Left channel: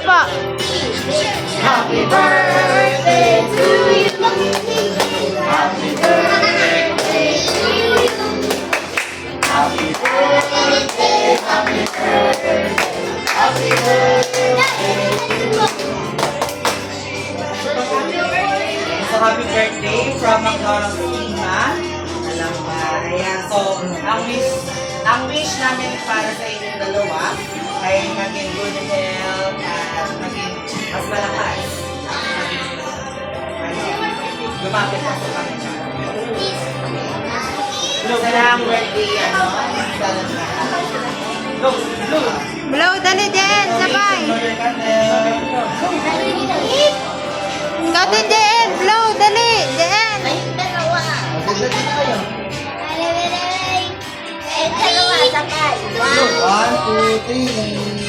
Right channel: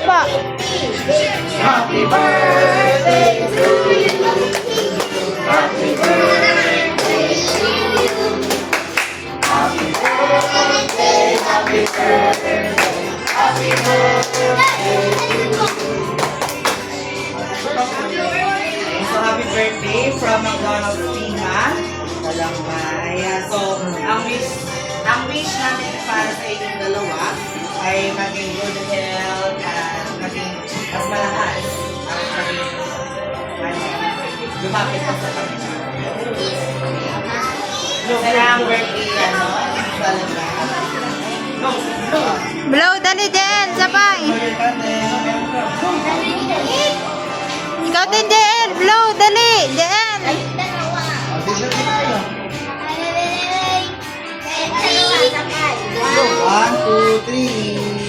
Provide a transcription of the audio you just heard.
po. Happy birthday to you. Happy birthday to you. Happy birthday, happy birthday, happy birthday to you. So, happy birthday from McDonald's Tina. Alam na. Ayan. So, ang wish namin para sa inyong dalawa ay maging good health at maging mas malakas at maging lumapit ka sa Panginoon. Sana ang birthday Blow, dali din. Sabay. Ikaw din, JN. Blow, dali. JN. Ay, dalawa. Ay, dalawa, sakay. 1, 2, 3.